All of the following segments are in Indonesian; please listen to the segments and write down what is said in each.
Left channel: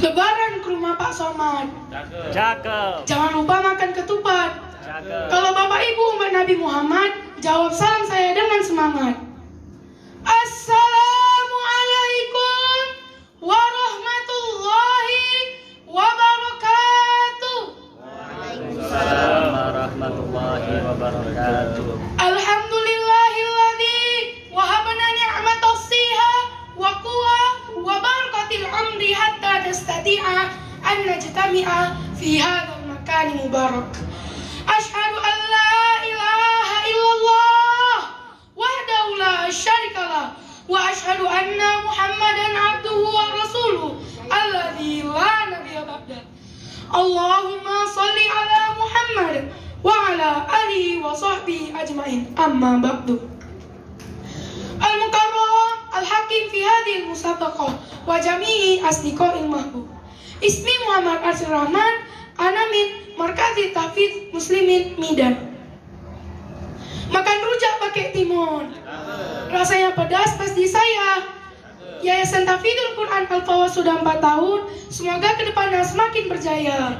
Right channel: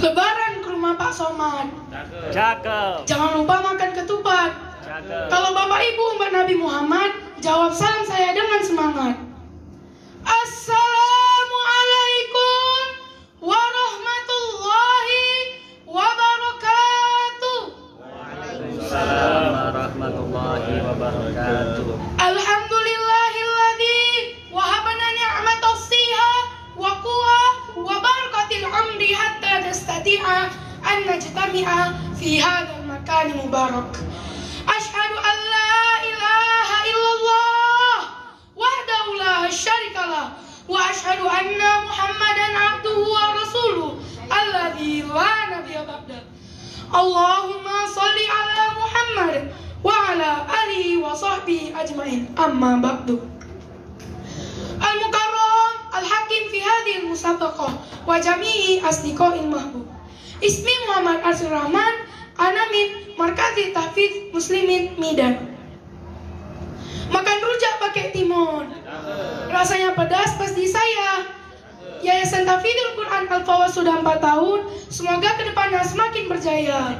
Lebaran ke rumah Pak Somad. Cakep. Jangan lupa makan ketupat. Cakep. Kalau Bapak Ibu umat Nabi Muhammad, jawab salam saya dengan semangat. Assalamualaikum warahmatullahi wabarakatuh. Waalaikumsalam warahmatullahi wabarakatuh. Alhamdulillahilladzi wahabana ni'matas siha wa quwa wa barakatil umri hatta nastati'a an najtami'a fi hadzal makan mubarak. Asyhadu an la ilaha illallah wahdahu la syarikalah wa asyhadu anna Muhammadan abduhu wa rasuluh alladzi la nabiyya ba'da. Allahumma shalli ala Muhammad wa ala alihi wa sahbihi ajmain. Amma ba'du. Al-Mukarram Al-Hakim fi hadhihi al-musabaqah wa jami'i asdiqa'il mahbub. Ismi Muhammad Arsyad Rahman, ana min Markazi Tahfidz Muslimin Midan. Makan rujak pakai timun, rasanya pedas pas di saya. Yayasan Tahfidzul Quran Al-Fawaz sudah 4 tahun. Semoga kedepannya semakin berjaya.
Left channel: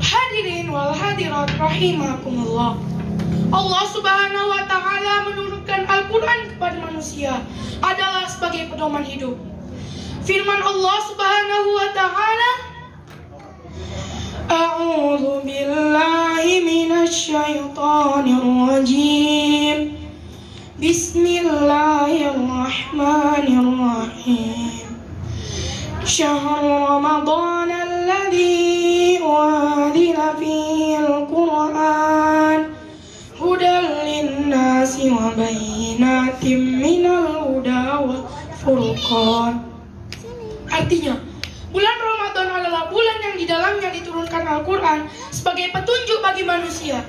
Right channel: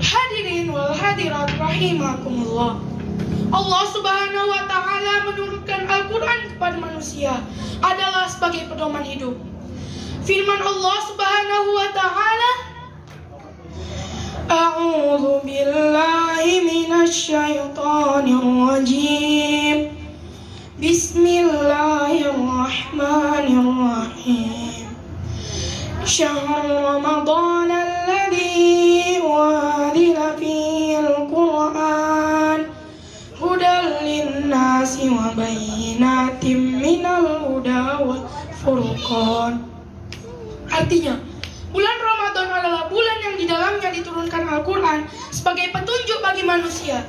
Hadirin wal hadirat rahimakumullah. Allah Subhanahu wa ta'ala menurunkan Al-Quran kepada manusia adalah sebagai pedoman hidup. Firman Allah Subhanahu wa ta'ala, A'udzu billahi minasy syaithanir rajim. Bismillahirrahmanirrahim. Syahr Ramadan alladzi unzila fihi al-Qur'an hudan lin-nasi wa bayyinatin minal huda wal furqan. Artinya, bulan Ramadan adalah bulan yang di dalamnya diturunkan Al-Quran sebagai petunjuk bagi manusia,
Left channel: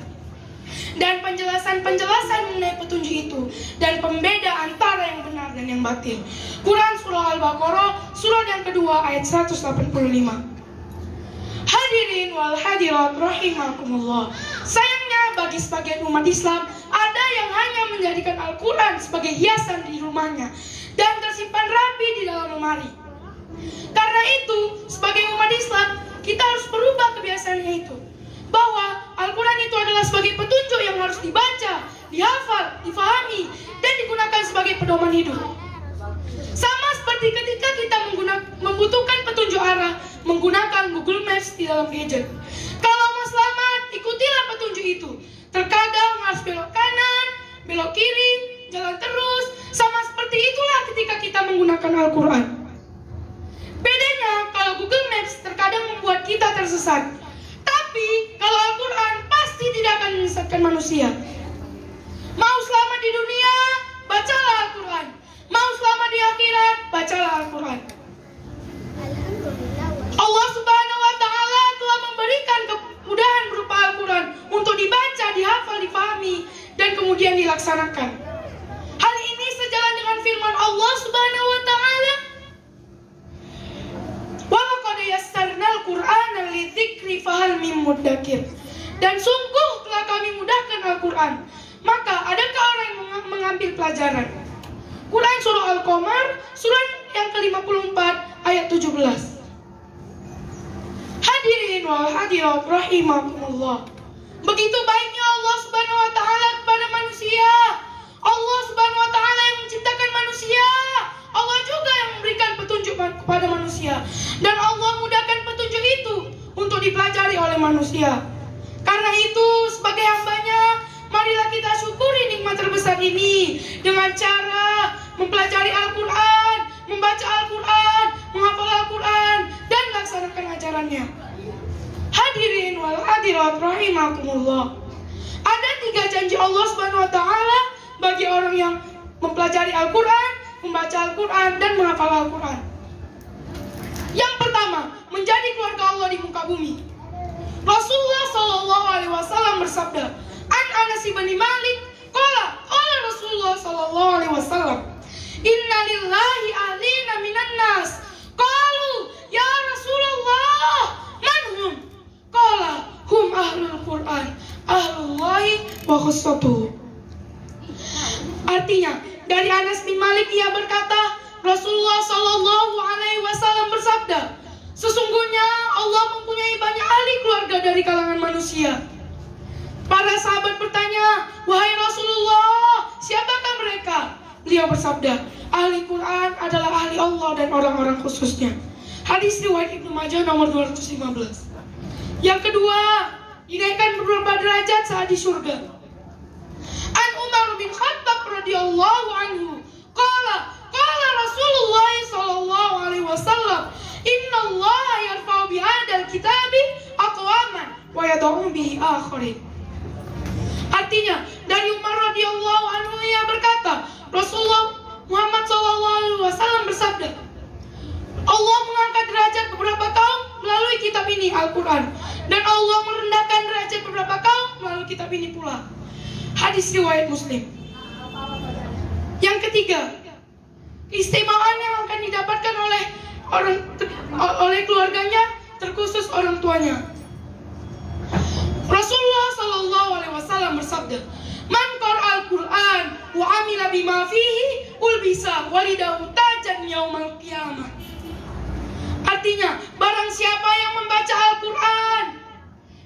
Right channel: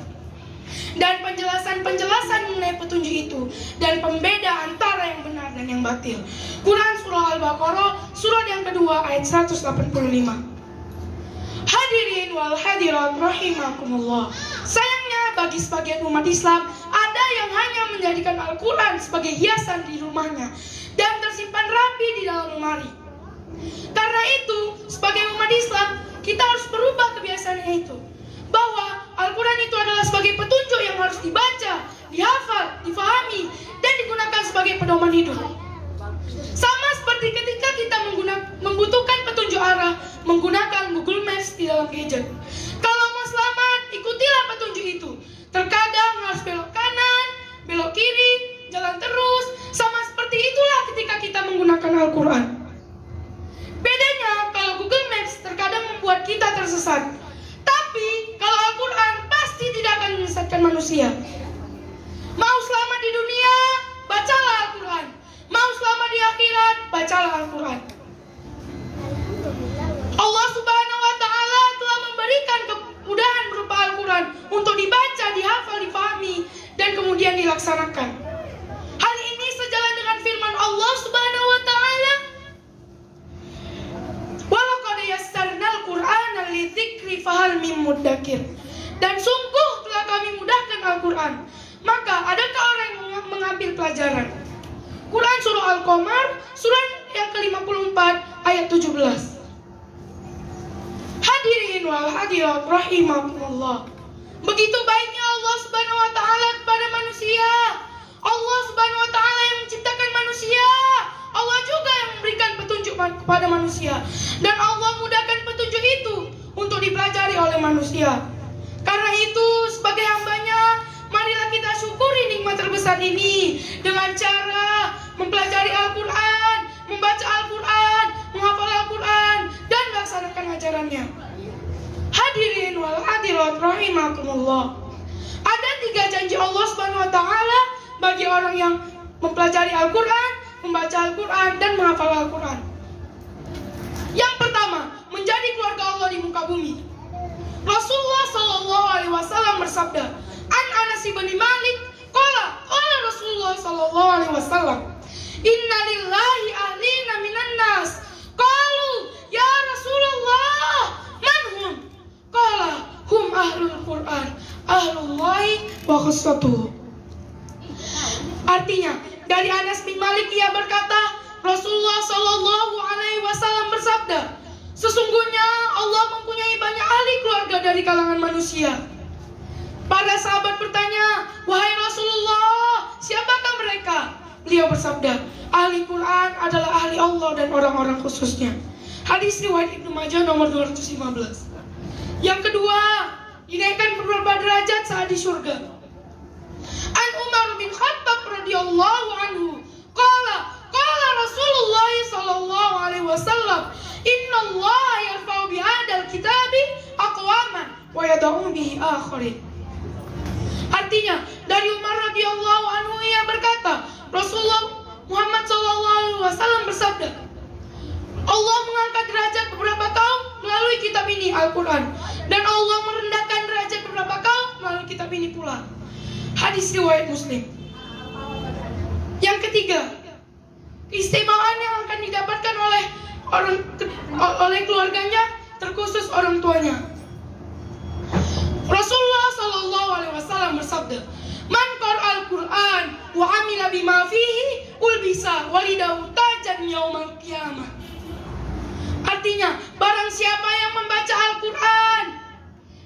dan penjelasan-penjelasan mengenai petunjuk itu, dan pembeda antara yang benar dan yang batil. Quran Surah Al-Baqarah, surat yang kedua ayat 185. Hadirin wal hadirat rahimakumullah. Sayangnya bagi sebagian umat Islam, ada yang hanya menjadikan Al-Quran sebagai hiasan di rumahnya dan tersimpan rapi di dalam lemari. Karena itu, sebagai umat Islam, kita harus berubah kebiasaannya itu, bahwa Al-Quran itu adalah sebagai petunjuk yang harus dibaca, dihafal, difahami, dan digunakan sebagai pedoman hidup. Sama seperti ketika kita membutuhkan petunjuk arah menggunakan Google Maps di dalam gadget. Kalau mau selamat, ikutilah petunjuk itu. Terkadang harus belok kanan, belok kiri, jalan terus. Sama seperti itulah ketika kita menggunakan Al-Quran. Bedanya, kalau Google Maps terkadang membuat kita tersesat. Tapi, kalau Al-Quran pasti tidak akan menyesatkan manusia. Mau selamat di dunia, bacalah Al-Quran. Mau selamat di akhirat, bacalah Al-Quran. Allah Subhanahu wa ta'ala telah memberikan kemudahan berupa Al-Quran untuk dibaca, dihafal, difahami, dan kemudian dilaksanakan. Hal ini sejalan dengan firman Allah Subhanahu wa ta'ala, Walaqad yassarnal Qur'ana lidzikri fahal mim muddakir. Dan sungguh telah kami mudahkan Al-Quran, maka adakah orang yang mengambil pelajaran? Quran Surah Al-Qamar, surat yang ke-54 ayat 17. Hadirin wal hadirat rahimakumullah. Begitu baiknya Allah Subhanahu wa ta'ala kepada manusia. Allah Subhanahu wa ta'ala yang menciptakan manusia. Allah juga yang memberikan petunjuk kepada manusia, dan Allah mudahkan petunjuk itu untuk dipelajari oleh manusia. Karena itu, sebagai hambanya, marilah kita syukuri nikmat terbesar ini dengan cara mempelajari Al-Quran, membaca Al-Quran, menghafal Al-Quran, dan melaksanakan ajarannya. Hadirin wal hadirat rahimakumullah. Ada 3 janji Allah Subhanahu wa ta'ala bagi orang yang mempelajari Al-Quran, membaca Al-Quran, dan menghafal Al-Quran. Yang pertama, menjadi keluarga Allah di muka bumi. Rasulullah sallallahu alaihi wasallam bersabda, An Anas bin Malik, qala Rasulullah sallallahu alaihi wasallam, Inna lillahi ahlina minan nas. Qalu, ya Rasulullah, man hum? Qala, hum ahlul Quran, ahlullahi wa khassatuhu. Artinya, dari Anas bin Malik ia berkata, Rasulullah Shallallahu Alaihi Wasallam bersabda, sesungguhnya Allah mempunyai banyak ahli keluarga dari kalangan manusia. Para sahabat bertanya, wahai Rasulullah, siapakah mereka? Beliau bersabda, ahli Quran adalah ahli Allah dan orang-orang khususnya. Hadis riwayat Ibnu Majah nomor 215. Yang kedua, dinaikkan beberapa derajat saat di surga. An Umar bin Khattab radhiyallahu anhu, qala Rasulullah sallallahu alaihi wasallam, inna Allah yarfa'u bihadzal kitabi aqwaman wa yad'u bihi akharin. Artinya, dari Umar radhiyallahu anhu yang berkata, Rasulullah Muhammad sallallahu alaihi wasallam bersabda, Allah mengangkat derajat beberapa kaum melalui kitab ini, Al-Quran, dan Allah merendahkan derajat beberapa kaum melalui kitab ini pula. Hadis riwayat Muslim. Yang ketiga, keistimewaan yang akan didapatkan oleh keluarganya, terkhusus orang tuanya. Rasulullah Shallallahu Alaihi Wasallam bersabda, man qara'al Quran wa amila bima fihi ulbisa walidahu tajan yaumal qiyamah. Artinya, barang siapa yang membaca Al-Quran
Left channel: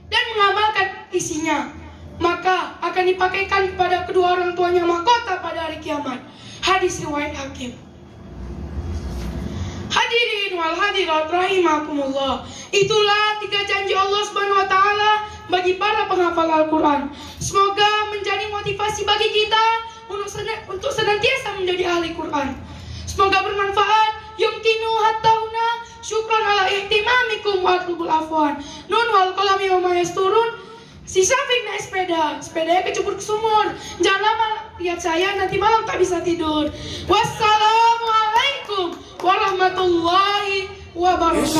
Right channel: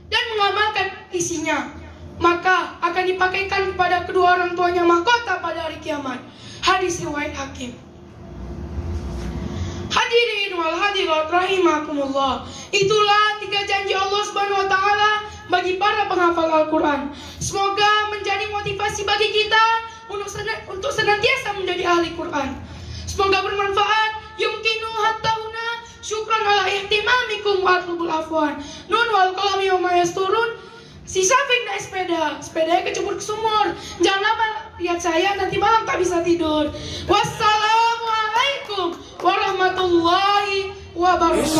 dan mengamalkan isinya, maka akan dipakaikan kepada kedua orang tuanya mahkota pada hari kiamat. Hadis riwayat Hakim. Hadirin wal hadirat rahimakumullah. Itulah 3 janji Allah Subhanahu wa taala bagi para penghafal Al-Quran. Semoga menjadi motivasi bagi kita untuk senantiasa menjadi ahli Quran. Semoga bermanfaat. Yumkinu hatta huna syukran ala ihtimamikum wa atlubul afwan. Nun wal qalami wa ma yasturun. Si Syafiq naik sepedanya kecebur ke sumur. Jangan lama lihat saya, nanti malam tak bisa tidur. Wassalamualaikum warahmatullahi wabarakatuh.